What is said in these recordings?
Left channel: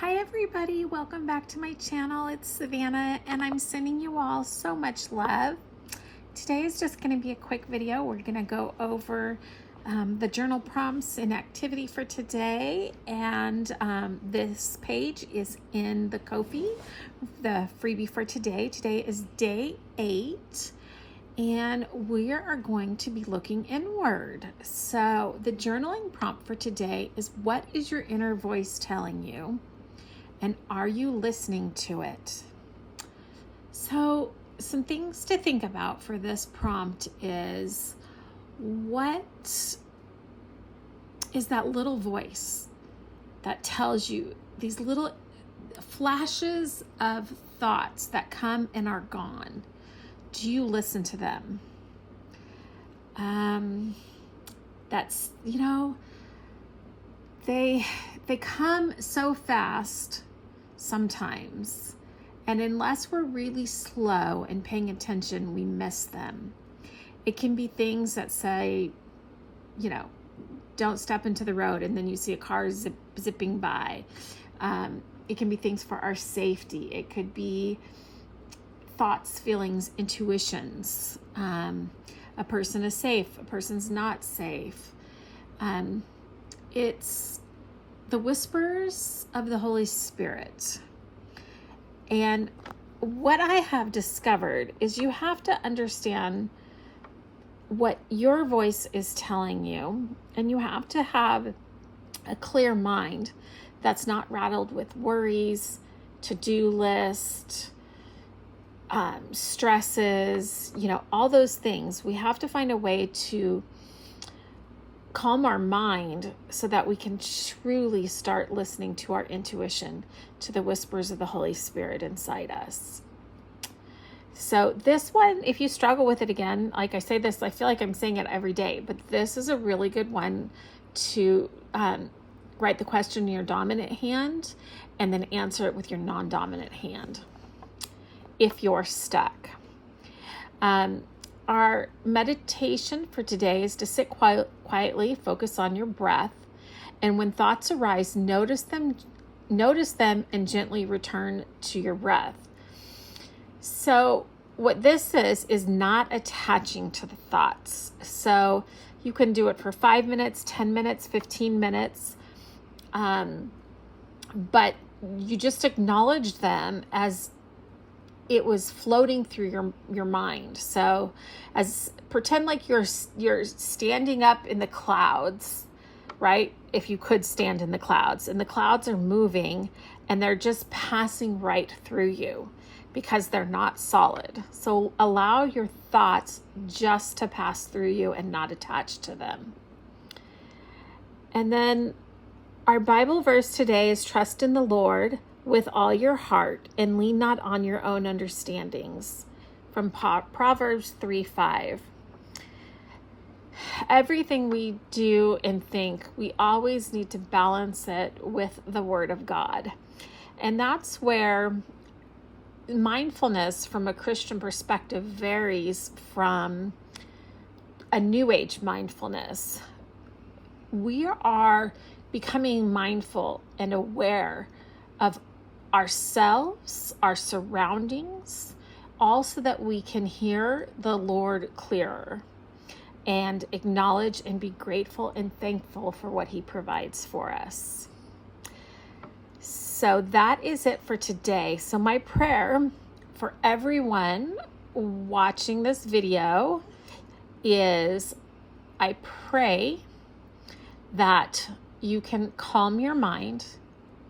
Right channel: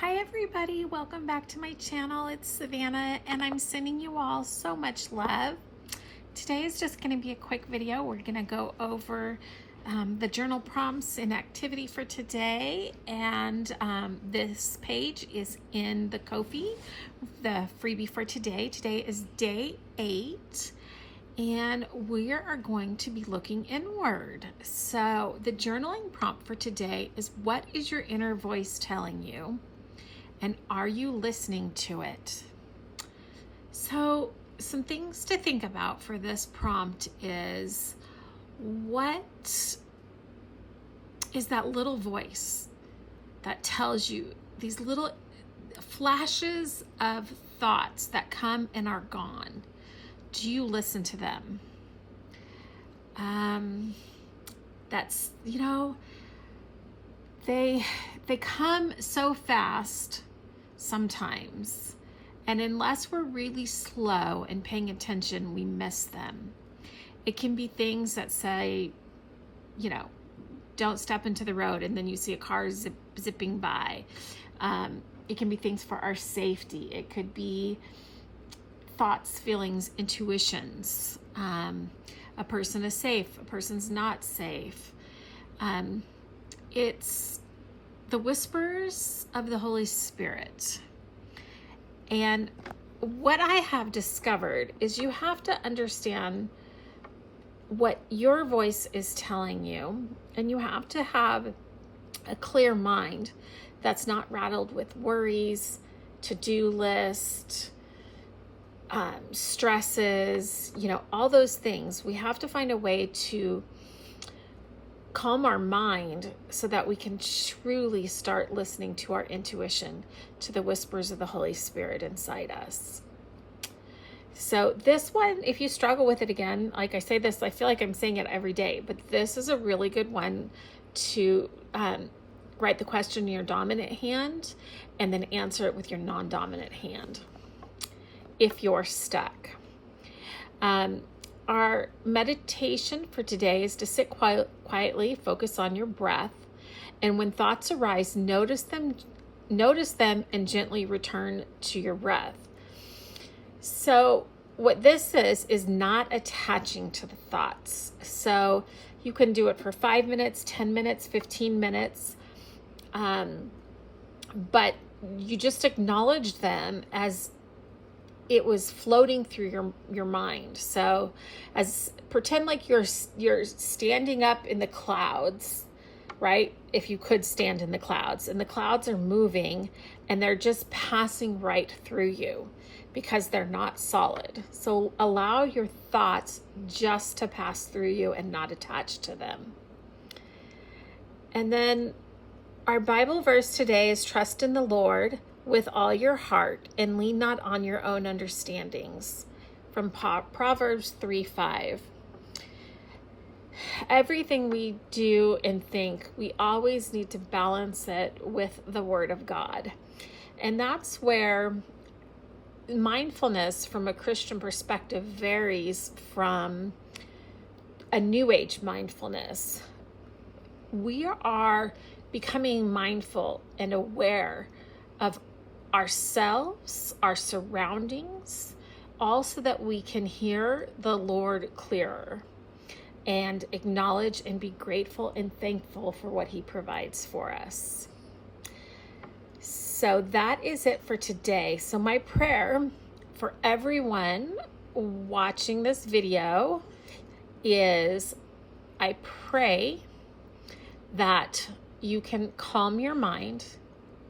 Hi everybody, welcome back to my channel. It's Savannah and I'm sending you all so much love. Today is just going to be a quick video. We're going to go over the journal prompts and activity for today, and this page is in the Ko-fi, the freebie for today. Today is day 8 and we are going to be looking inward. So the journaling prompt for today is, what is your inner voice telling you? And are you listening to it? So some things to think about for this prompt is, what is that little voice that tells you these little flashes of thoughts that come and are gone? Do you listen to them? That's, they come so fast sometimes, and unless we're really slow and paying attention, we miss them. It can be things that say, don't step into the road, and then you see a car zipping by. It can be things for our safety. It could be thoughts, feelings, intuitions. A person is safe, a person's not safe. It's the whispers of the Holy Spirit. And what I have discovered is you have to understand what your voice is telling you, and you have to have a clear mind that's not rattled with worries, to-do list, stresses, all those things. We have to find a way to calm our mind so that we can truly start listening to our intuition, to the whispers of the Holy Spirit inside us. So this one, if you struggle with it, again, like I say this, I feel like I'm saying it every day, but this is a really good one to write the question in your dominant hand and then answer it with your non-dominant hand if you're stuck. Our meditation for today is to sit quietly, focus on your breath, and when thoughts arise, notice them and gently return to your breath. So what this is not attaching to the thoughts. So you can do it for 5 minutes, 10 minutes, 15 minutes, but you just acknowledge them as it was floating through your mind. So pretend like you're standing up in the clouds, right? If you could stand in the clouds, and the clouds are moving and they're just passing right through you because they're not solid. So allow your thoughts just to pass through you and not attach to them. And then our Bible verse today is, trust in the Lord with all your heart and lean not on your own understandings, from Proverbs 3:5. Everything we do and think, we always need to balance it with the Word of God. And that's where mindfulness from a Christian perspective varies from a New Age mindfulness. We are becoming mindful and aware of ourselves, our surroundings, all so that we can hear the Lord clearer and acknowledge and be grateful and thankful for what He provides for us. So that is it for today. So my prayer for everyone watching this video is, I pray that you can calm your mind,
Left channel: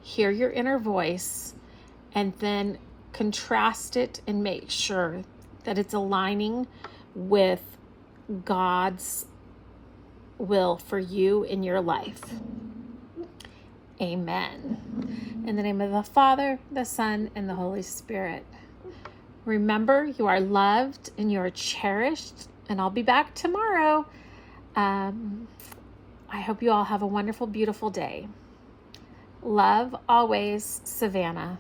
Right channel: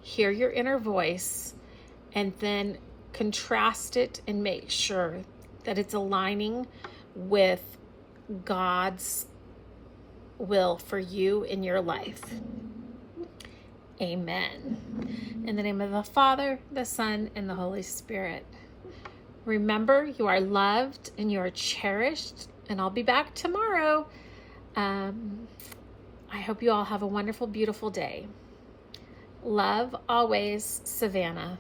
hear your inner voice, and then contrast it and make sure that it's aligning with God's will for you in your life. Amen. In the name of the Father, the Son, and the Holy Spirit. Remember, you are loved and you are cherished, and I'll be back tomorrow. I hope you all have a wonderful, beautiful day. Love always, Savannah.